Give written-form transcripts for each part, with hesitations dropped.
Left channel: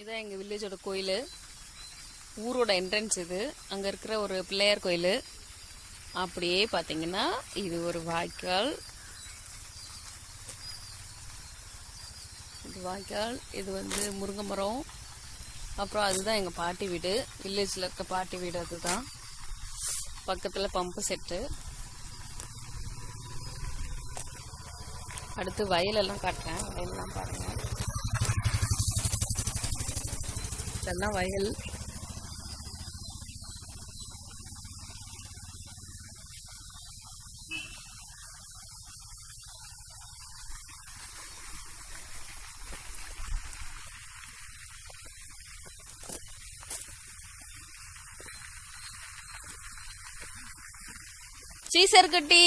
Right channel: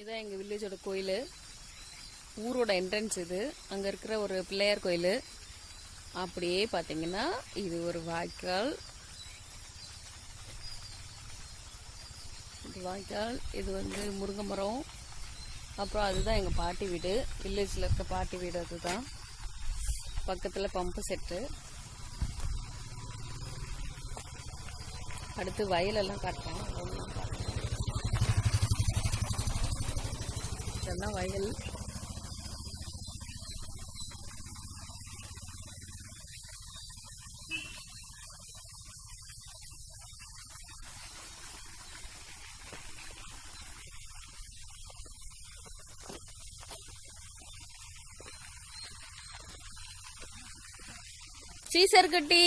இதான் எங்கள் வில்லேஜோட கோயில். ஊரோட என்ட்ரன்ஸ் இது. அங்கே இருக்கிற ஒரு பிள்ளையார் கோயில். அப்படியே பார்த்தீங்கன்னா இது ஒரு வாய்க்கால். இது வாய்க்கால். இது வந்து முருங்கை மரம். அப்புறம் அதுதான் எங்கள் பாட்டி வீடு. வில்லேஜில் இருக்க பாட்டி வீடு அதுதான். பக்கத்தில் பம்பு செட்டு. அடுத்து வயலெல்லாம் காட்டுறேன். வயலெல்லாம் பாருங்க. இதெல்லாம் வயல். சீசர் குட்டி,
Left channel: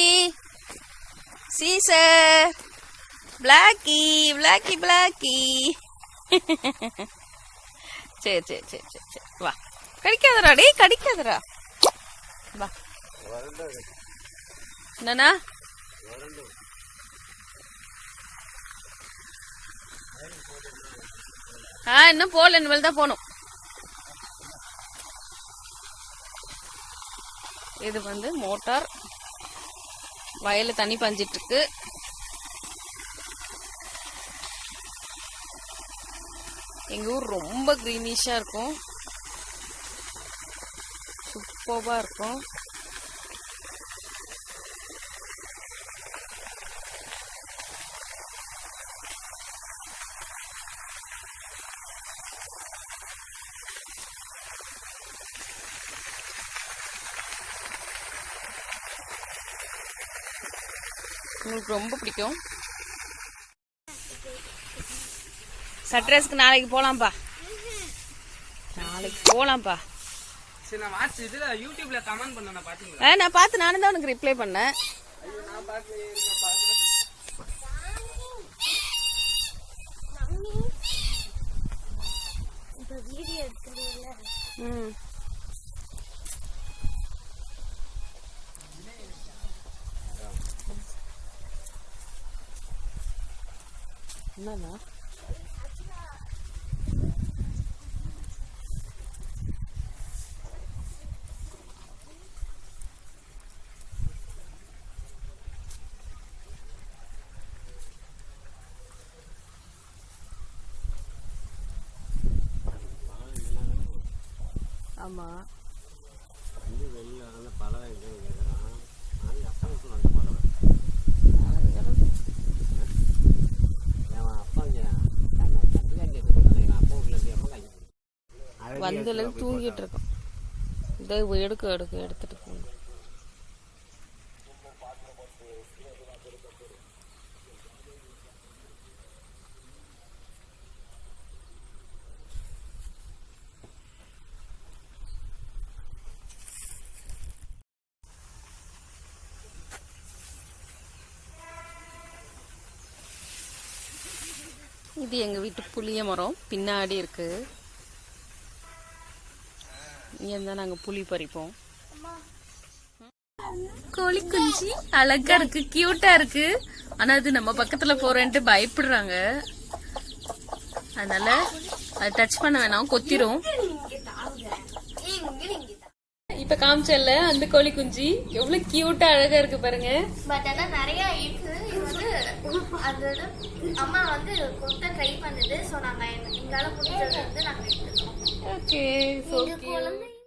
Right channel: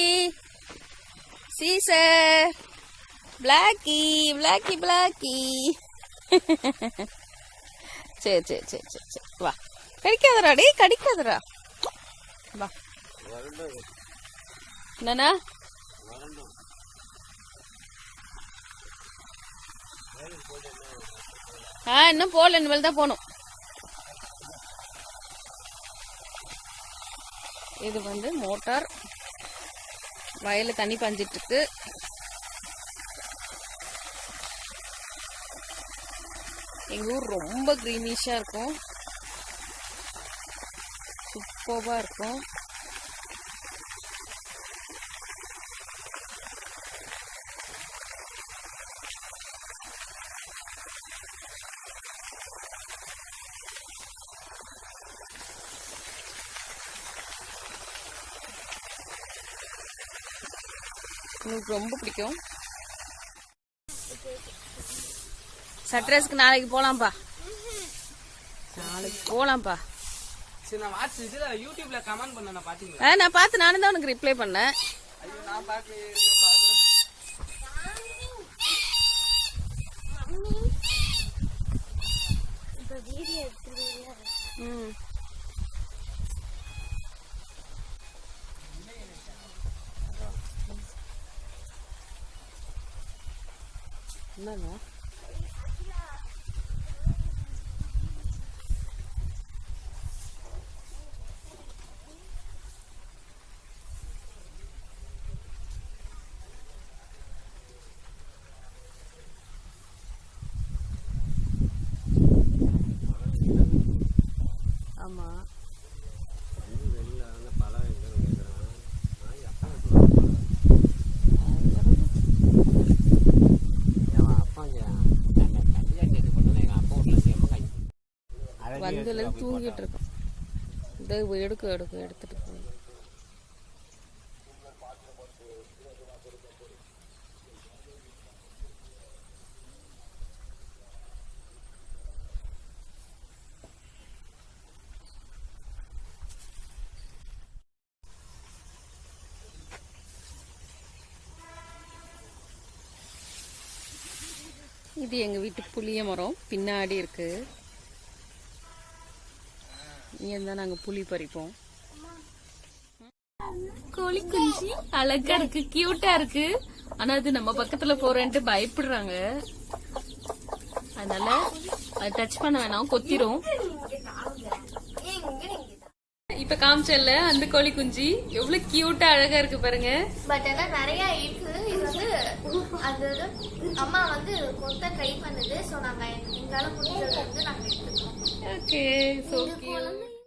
சீசர், பிளாக்கி பிளாக்கி பிளாக்கி. சரி சரி சரி சரி சரி வா. கடிக்காதரா டே, கடிக்காதரா வா. என்னண்ணா? இன்னும் போகல, இனிமேல் தான் போகணும். இது வந்து மோட்டார். வயலில் தண்ணி பாஞ்சிட்டு இருக்கு. எங்கள் ஊர் ரொம்ப க்ரீனிஷாக இருக்கும். சூப்பராக இருக்கும். உங்களுக்கு ரொம்ப பிடிக்கும். சட்ரஸ்க்கு நாளைக்கு போலாம்ப்பா. நாளைக்கு போலாம்ப்பா. நான் பார்த்து நானும் தான் உனக்கு ரிப்ளை பண்ணேன். என்னன்னா ஆமா வந்ததுல தூங்கிட்டு இருக்கோம். இதை எடுத்துட்டு போகணும். இது எங்க வீட்டு புளிய மரம் பின்னாடி இருக்கு. இங்க இருந்தா நாங்க புளி பறிப்போம். கோழி குஞ்சு அழகா இருக்கு, கியூட்டா இருக்கு. ஆனா அது நம்ம பக்கத்துல போறேன்ட்டு பயப்படுறாங்க. அதனால அது டச் பண்ண வேணாம், கொத்திரும். இப்ப காமிச்சல்ல அந்த கோழி குஞ்சு எவ்வளவு கியூட்டா அழகா இருக்கு பாருங்க. அம்மா வந்து கொத்த ட்ரை பண்ணுது. சோ நாங்க எங்களால முடிஞ்சது வந்து நாங்க எடுத்துட்டோம். Okay, so cute.